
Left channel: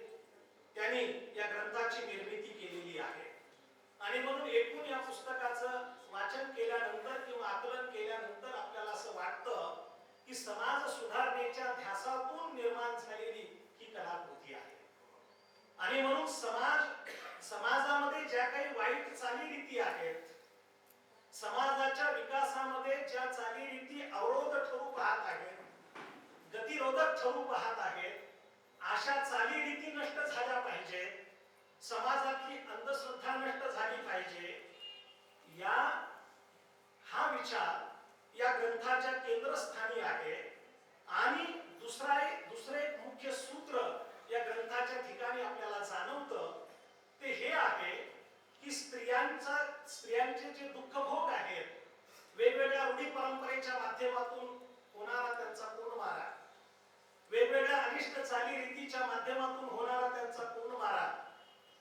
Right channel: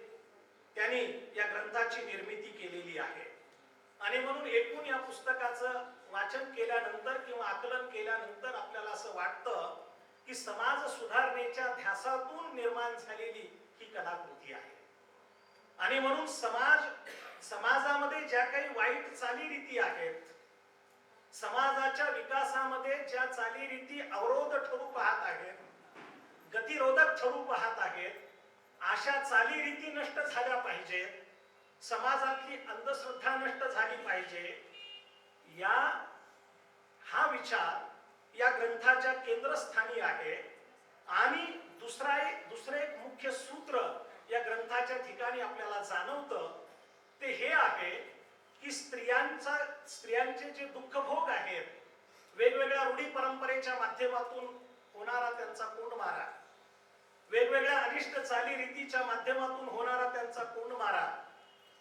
त्यांनी या ग्रंथाची निर्मिती केलेली आहे. आणि म्हणून एकूण या पुस्तकाचं वाचन केल्यानंतर किंवा आकलन केल्यानंतर आपल्याला असं वाटतं की समाज सुधारणेच्या ध्यासातून निर्माण झालेली ही कलाकृती आहे. आणि म्हणून समाजामध्ये ज्या काही वाईट चालीरीती आहेत, समाजाच्या विकासामध्ये ज्या चालीरीती अवरोध ठरू पाहत आहेत, गतिरोधक ठरू पाहत आहेत, अशा चालीरीती नष्ट झाल्या पाहिजेत, समाजातली अंधश्रद्धा नष्ट झाली पाहिजे, हा विचार या ग्रंथाच्या केंद्रस्थानी आहे. आणि दुसरे एक मुख्य सूत्र या ग्रंथाच्या ठिकाणी आपल्याला जाणवतं ते हे आहे की स्त्रियांचे जे दुःखभोग आहेत, वेगवेगळ्या रूढी परंपरेच्या माध्यमातून होणारा त्यांचा कोंडमारा, वेगवेगळ्या अनिष्ट चालीरीतीच्या माध्यमातून होणारा त्यांचा कोंडमारा,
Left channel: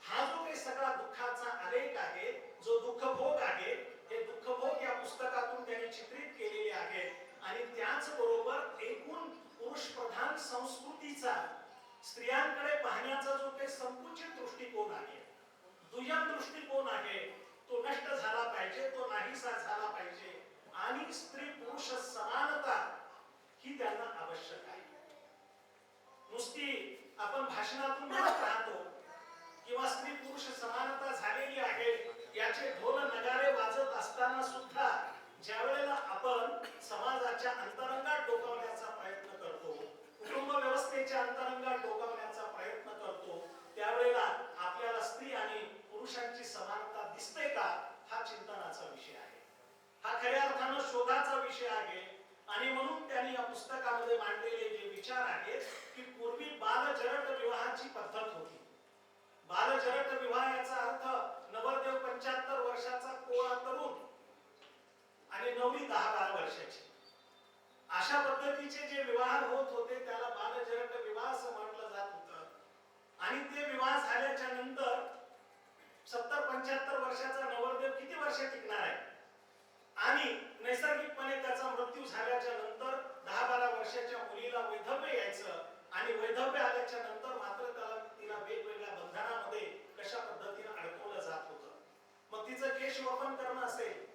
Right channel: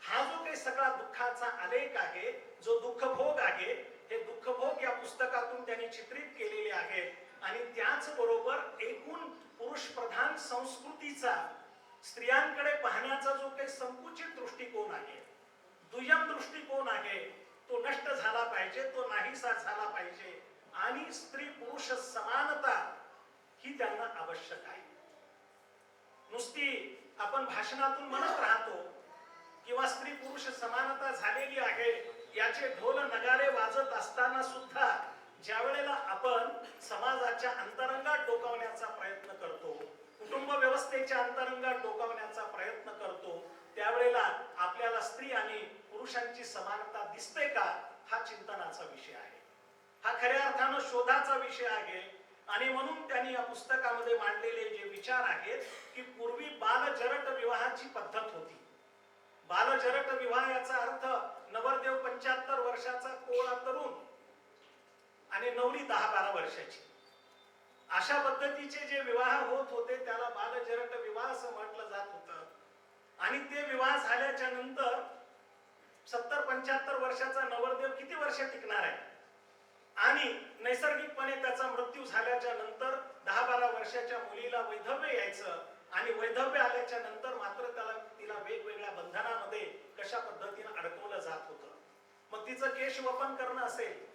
हा जो काही सगळा दुःखाचा आलेख आहे, जो दुःखभोग आहे, हे दुःखभोग या पुस्तकातून त्यांनी चित्रित केलेले आहे. आणि त्याचबरोबर एकूण पुरुष प्रधान संस्कृतीचा स्त्रियांकडे पाहण्याचा जो काही संकुचित दृष्टिकोन आहे, दुय्यम दृष्टिकोन आहे, तो नष्ट झाला पाहिजे, तो नाहीसा झाला पाहिजे. आणि स्त्री पुरुष समानता ही त्यांना आवश्यक आहे. नुसती आपण भाषणातून म्हणत राहतो किंवा स्त्री पुरुष समानता झालेली आहे याचे ढोल नगारे वाजत असताना सुद्धा ज्या वेळेला आपण समाजाच्या अंतरंगात डोकावण्याचा प्रयत्न करतो, कुटुंब व्यवस्थेच्या अंतरंगात डोकावण्याचा प्रयत्न करतो, त्यावेळेला आपल्याला स्त्री आणि पुरुषांची समानता दिसते का, हा चिंतनाचा विषय आहे, हा खऱ्या अर्थानं शोधाचा विषय आहे. आणि म्हणून त्यांनी या पुस्तकामध्ये मांडलेले जे विचार आहेत की पूर्वी बालजरट विवाहाची पद्धत होती. बालजरट विवाह याचा अर्थ नवरदेव 75 वर्षाचा कोळा तरुण आणि नवरी 10-12 वर्षाची, अशा पद्धतीचे जे विवाह होत होते त्याला बालजरट विवाह असं म्हटलं जात होतं. आणि ते विवाह झाल्याच्या नंतर 70-75 वर्षाचा नवरदेव किती वर्ष टिकणार आहे, आणि नैसर्गिकपणे त्याचा मृत्यू झाल्याच्या नंतर 10-12 वर्षाच्या मुलीला वैधव्य यायचं. आणि वैधव्य आल्याच्या नंतर मात्र तिला वेगवेगळ्या बंधनामध्ये कशा पद्धतीने अडकवलं जात होतं. मग तिचं केश वपन करणं असेल,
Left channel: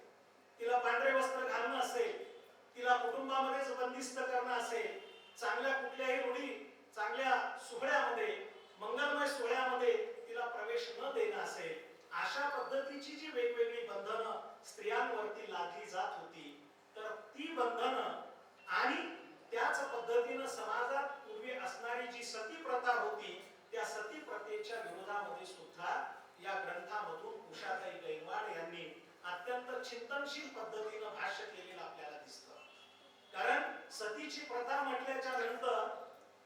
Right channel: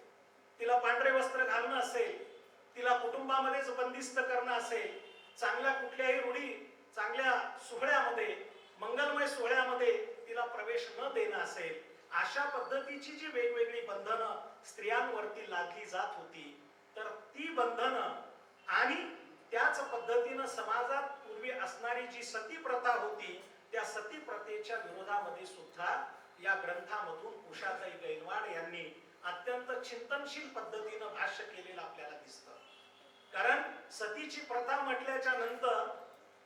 तिला पांढरे वस्त्र घालणं असेल, तिला कुटुंबामध्येच बंदिस्त करणं असेल, चांगल्या कुठल्याही रूढी, चांगल्या सोहळ्यामध्ये, मंगलमय सोहळ्यामध्ये तिला प्रवेश न देणं असेल, अशा पद्धतीची जी वेगवेगळी बंधनं स्त्रियांवरती लादली जात होती, तर ती बंधनं आणि त्याच पद्धतीनं समाजात पूर्वी असणारी जी सती प्रथा होती, त्या सती प्रथेच्या विरोधामध्ये सुद्धा या ग्रंथामधून उषाताई गैनवाड यांनी अत्यंत चिंतनशील पद्धतीनं भाष्य केलेलं आपल्याला दिसतं. कारण सतीची प्रथा म्हटल्याच्या नंतर,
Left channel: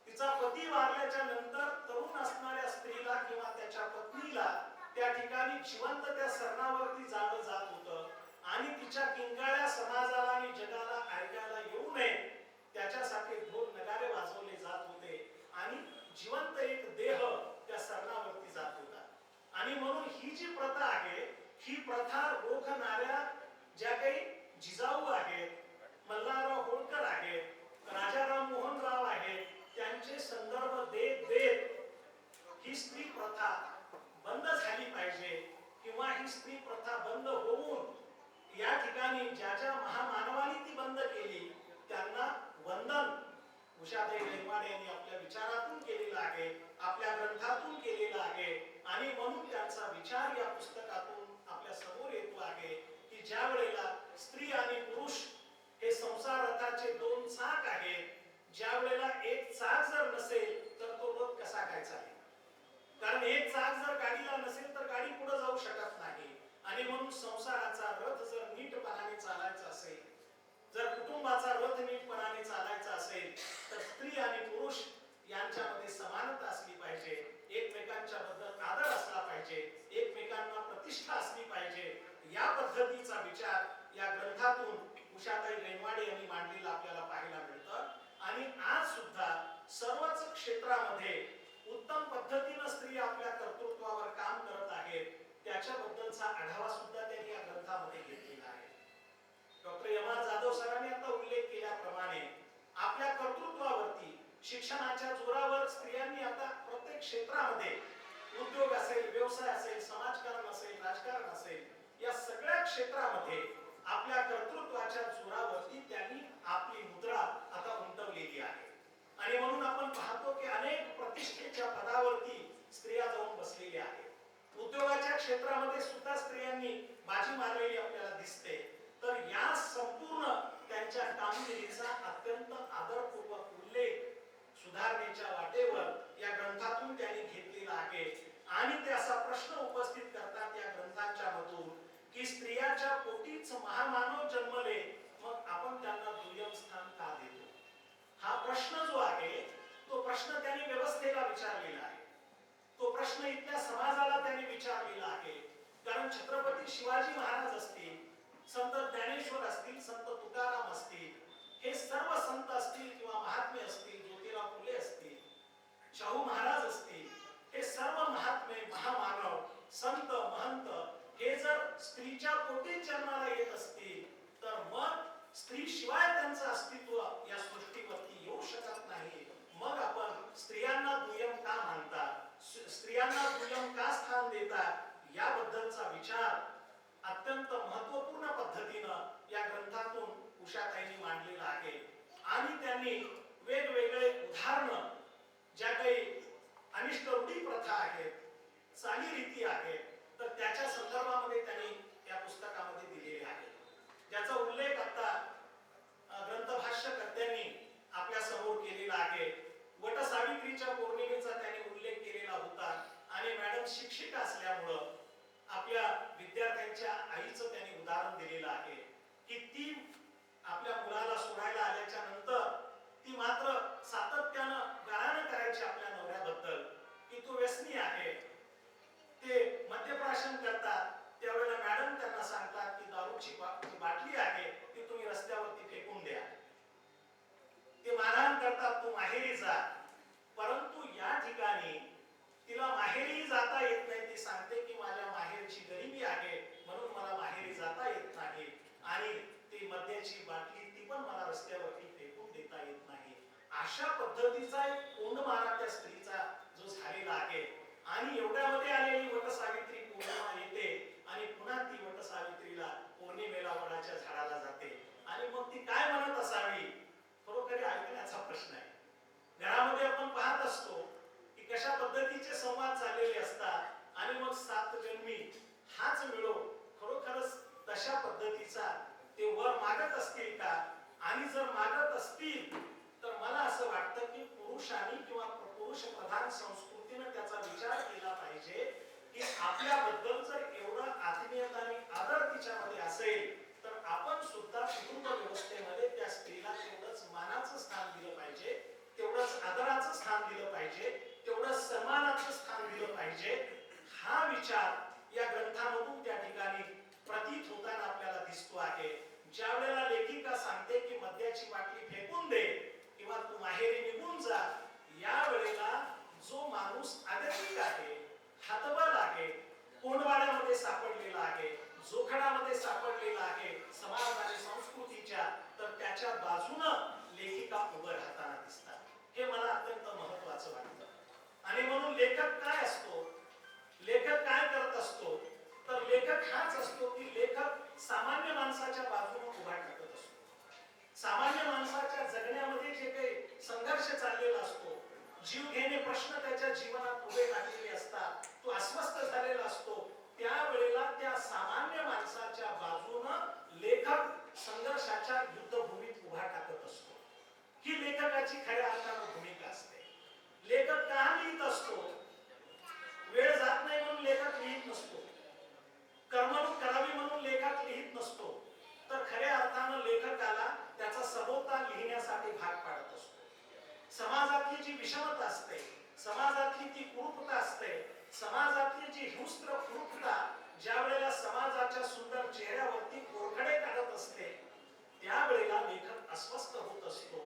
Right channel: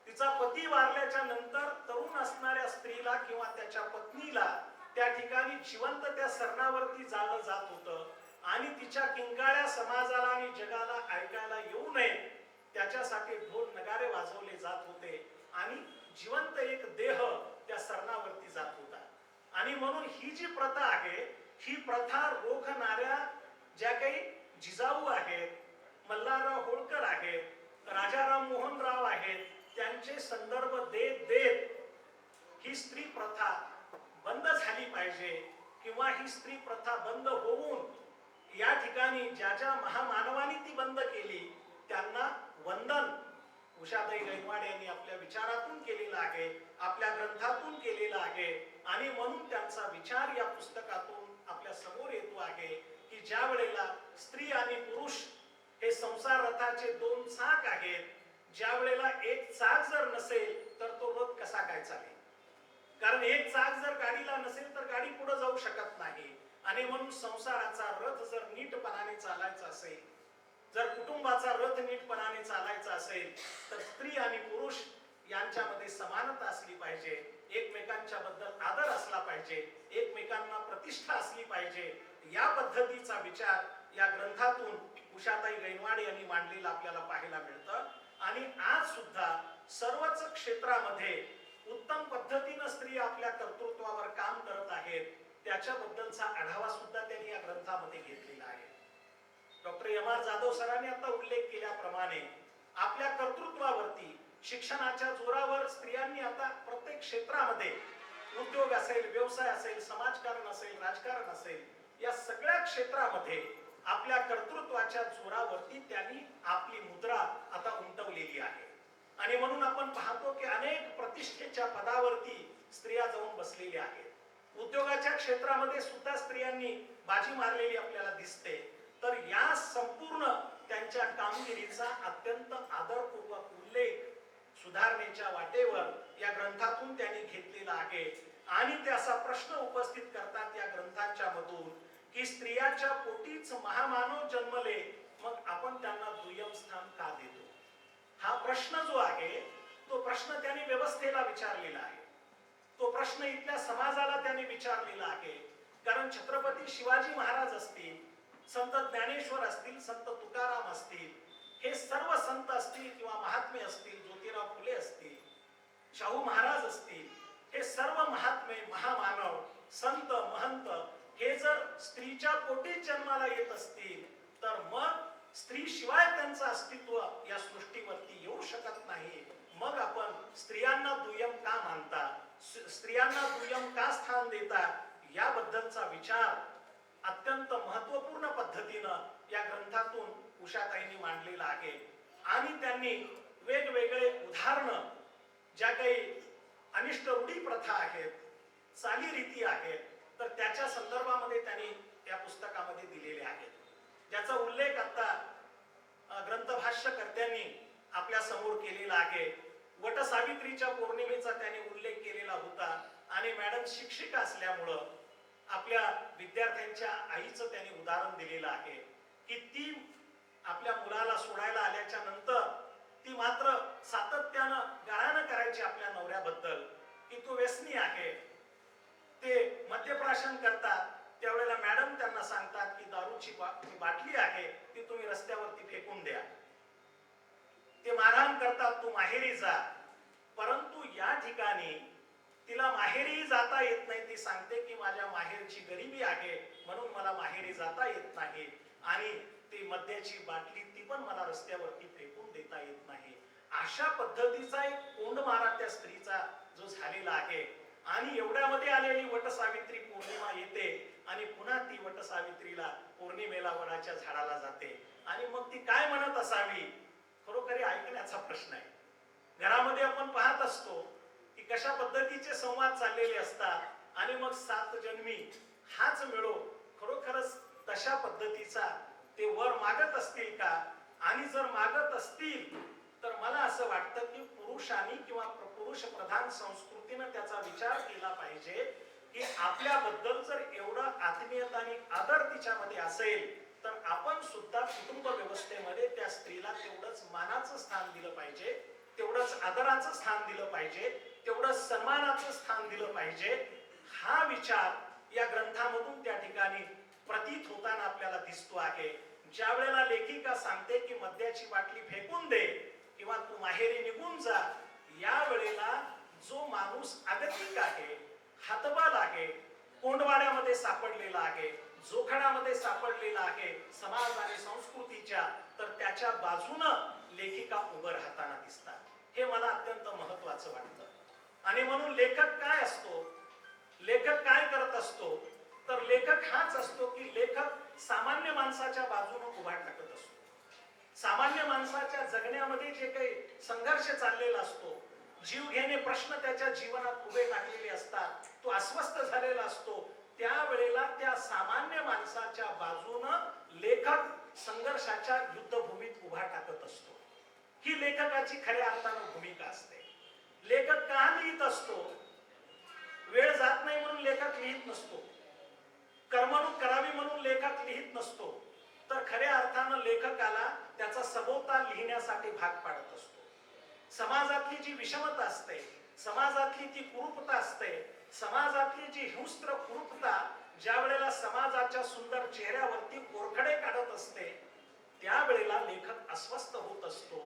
तिचा पती वारल्याच्या नंतर तरुण असणाऱ्या स्त्रीला किंवा त्याच्या पत्नीला त्या ठिकाणी जिवंत त्या सरणावरती जाळलं जात होतं. आणि तिच्या किंकाळ्या समाजाला आणि जगाला ऐकायला येऊ नये त्याच्यासाठी ढोल नगारे वाजवले जात होते. आणि जिवंत एक देह त्या सरणावरती जात होता. आणि म्हणून ही जी प्रथा आहे, ही प्रथा रोखणाऱ्या ज्या काही जिजाऊ आहेत, मल्हारराव होळकर आहेत, राजाराम मोहन राव आहेत, त्यांचे संदर्भ देत देत ही स्त्री प्रथा बंद झाली पाहिजे, किंवा ही स्त्री प्रथा बंद होऊन या ठिकाणी ज्या ज्या महामानवांनी ती बंद केली त्यांना वंदन उषाताई गैनवाड यांनी आपल्या विचारातून केलेला आहे, आपल्या ग्रंथातून केलेला आहे. आणि म्हणून त्यांचा विचार या पुस्तकातून आपल्या समोर येतो आहे की ज्या वेळेला स्त्री आणि पुरुष हे संसार रथाचे दोन चाक आहेत, ज्या वेळेला एक चाक जर नसेल तर तो रथ कसा काय चालेल. कारण एक चाक जर गाडीला नसेल तर गाडी पुढे जाऊ शकत नाही. आणि म्हणून संसाराचा रथ जर नीटपणाने चालायचा असेल, जर कुटुंबाचा रथ नीटपणाने चालायचा असेल, तर स्त्री आणि पुरुष यांच्यामध्ये समानता असली पाहिजे, एकमेकांच्या बद्दल आदर असला पाहिजे, एकमेकांना प्रतिष्ठा असली पाहिजे. या पद्धतीचा विचार या ग्रंथातून उषाताई गैनवाड यांनी मांडलेला आपल्याला पाहायला मिळतं. आणि आज सुद्धा सर्वच क्षेत्रामध्ये उत्तम पद्धतीने स्त्री आपल्या कर्तृत्वावर काम करत आहेत, त्याच्याबद्दलचा आढावा सुद्धा त्यांनी या ग्रंथामध्ये घेतलेला आहे. डॉक्टर एम आर जाधव सरांनी आता उल्लेख केल्याप्रमाणे आपल्या कर्तृत्वावरती शिक्षणाच्या जोरावर स्त्रियांनी आता प्रत्येक क्षेत्रामध्ये उद्योग असेल, व्यवसाय असेल, समाजकारण असेल, राजकारण असेल, या सगळ्या क्षेत्रामध्ये आपल्या कर्तृत्वाच्या जोरावरती त्यांनी आपली मुद्रा आता उमटवलेली आहे. आणि म्हणून आपण पाहतो की अनेक प्रतिष्ठेच्या पदावरती स्त्रिया जाऊन बसलेल्या आहेत. उद्योगाच्या क्षेत्रामध्ये सुद्धा स्त्रियांनी बाजी मारलेली आपल्याला दिसते. तर या संपूर्ण त्यांच्या कामगिरीचा अत्यंत आदरपूर्वक उल्लेख सुधारणेच्या वाटेवर या ग्रंथातून त्यांनी घेतलेला आहे. आणि ते असा प्रश्न उपस्थित करतात या ग्रंथाच्या मधून की स्त्रियाच्या पोटीच महामानव जन्मले, मग आपण त्यांना दुय्यम स्थान का देतो? हा प्रश्न जो आहे तो प्रश्न त्यांनी व्यवस्थेला विचारलेला आहे. तो प्रश्न इथल्या समाजाला त्यांनी विचारलेला आहे. कारण छत्रपती शिवाजी महाराज असतील, संत ज्ञानेश्वर असतील, संत तुकाराम असतील, हे सर्व संत असतील किंवा महात्मे असतील, ज्योतिराव फुले असतील, शाहू महाराज असतील, हे सर्व महात्मे, महामानव, संत, महंत हे जर स्त्रीच्या पोटी जन्माला येत असतील तर मग स्त्री शिवाय त्यांचं अस्तित्व या सृष्टीवरती येऊ शकत नाही. मग आपण स्त्रियांना दुय्यम का मानता, स्त्रियांना दुय्यम का स्थान देता, याबद्दलचा विचार अत्यंत महत्वपूर्ण पद्धतीनं या ग्रंथातून उषाताईंनी मांडलेला आहे. आणि त्यांनी वेगवेगळे उदाहरणं, ज्या काही अनिष्ट रूढी प्रथा आहेत, चालीरीती आहेत, तर त्याच्या संदर्भामध्ये त्यांनी या पुस्तकामध्ये दिलेले आहेत. ज्याचा उल्लेख आता ग्रंथभाष्यकर्त्यांनी आपल्या समोर केलेला आहे. वटसावित्रीच्या पौर्णिमेचा त्यांनी उल्लेख केलेला होता. आणि मॅडम शिक्षिका असल्यामुळं आपल्या विद्यार्थ्यांच्या आईचं त्यांनी उदाहरण दिलेलं आहे की ती आपल्या मुलाला सोडायला आल्याच्या नंतर ती मात्र सातत्यानं गाळण करायची आपल्या नवऱ्याबद्दल की तो व्यसनी आहे. ते मद्यप्राशन करतात, त्यावेळेला मॅडम त्यांना सांगतात की दारूची बाटली आहे ती तुम्ही रस्त्यावरती फेकून द्या. ते मारहाण करतात, तू माहेरी जा. परंतु या ठिकाणी तिला माहेरी जाता येत नाही. ती सांगते की माझ्या माहेरची गरिबी आहे म्हणून मला माहेरी जाता येत नाही. आणि ती मद्याची बाटली ती पण मला रस्त्यावरती फेकून देता येत नाही. अशा पद्धतीचा एक कोंडमारा त्या स्त्रीचा जो झालेला आहे. आणि एवढ्यामध्ये आलेली वटसावित्री पौर्णिमा येते आणि पुन्हा ती वटसावित्रीला पौर्णिमेला वडाच्या झाडाला जाते. आणि मग ती काय म्हणत असावी, खरोखरी ऐकण्याचा प्रश्न आहे. घरामध्ये आपण पाहत असतो की कशा पद्धतीचे संवाद चाललेले असतात आणि मग सात जन्मी हाच मिळो. खरोखरच तशा पद्धतीचा ते वर मागत असतील का? आणि जर मागत असतील तर मला असं वाटतं की पुरुषांनी किंवा पुरुष प्रधान संस्कृतीने त्याचा विचार केला पाहिजे की आपल्याबद्दल जर एवढं आत्मीयता आणि आदर तिच्यामध्ये असेल तर आपण सुद्धा कुटुंब व्यवस्थेमध्ये त्या स्त्रीला तेवढंच मानाचं स्थान दिलं पाहिजे, तेवढंच आदराचं स्थान दिलं पाहिजे, तेवढंच सन्मानाचं स्थान दिलं पाहिजे. हा विचार या ग्रंथामधून त्या ठिकाणी प्रतीत होताना आपल्याला दिसतो आहे. ज्या वेळेला लेखिका सांगते की मद्याची बाटली फेकून दे किंवा तू माहेरी निघून जा, या वेळेला जो माणूस आगतिक आहे, हातबल आहे, कोंडवाड्यामध्ये सापडलेला आहे, जोखडामध्ये सापडलेला आहे समाज आणि संस्कृतीच्या, तर त्याच्या बाजूनं लेखिका उभं राहताना दिसतात. हे मला अत्यंत महत्वाचं वाटतं. आणि म्हणून लेखक काय असतो, लेखक काय करत असतो, तर लेखक हाच असतो की लेखक सामान्य माणसाच्या बाजूने उभा टाकत असतो. सामान्य माणसाच्या जगण्यामध्ये जे काही संघर्ष चाललेला असतो, जीव घेणे प्रश्न त्याच्या जीवनात उभे टाकलेले असतात, तो अस्वस्थ झालेला असतो, त्यावेळेला त्या सामान्य माणसाच्या बाजूनं लेखक संघर्षाच्या युद्धभूमीत उभा टाकत असतो. ही लेखकाची खऱ्या अर्थानं भूमिका असते. लेखक का लिहित असतो? वेळ जात नाही म्हणून लेखक लिहित नसतो, कर्मणूक करावी म्हणून लेखक लिहित नसतो, तर खऱ्या अर्थानं लेखकाला त्याचा सभोवताल लिहिण्यासाठी भाग पाडत असतो. समाजातली जी विषमता असते, समाजातली ती कुरूपता असते, समाजातली जी हिंस्त्र कुरूपता ज्या वेळेला समाजाच्या सुंदर चेहऱ्यावरती कोरखडे काढत असते, त्यावेळेला लेखक अस्वस्थ होत असतो.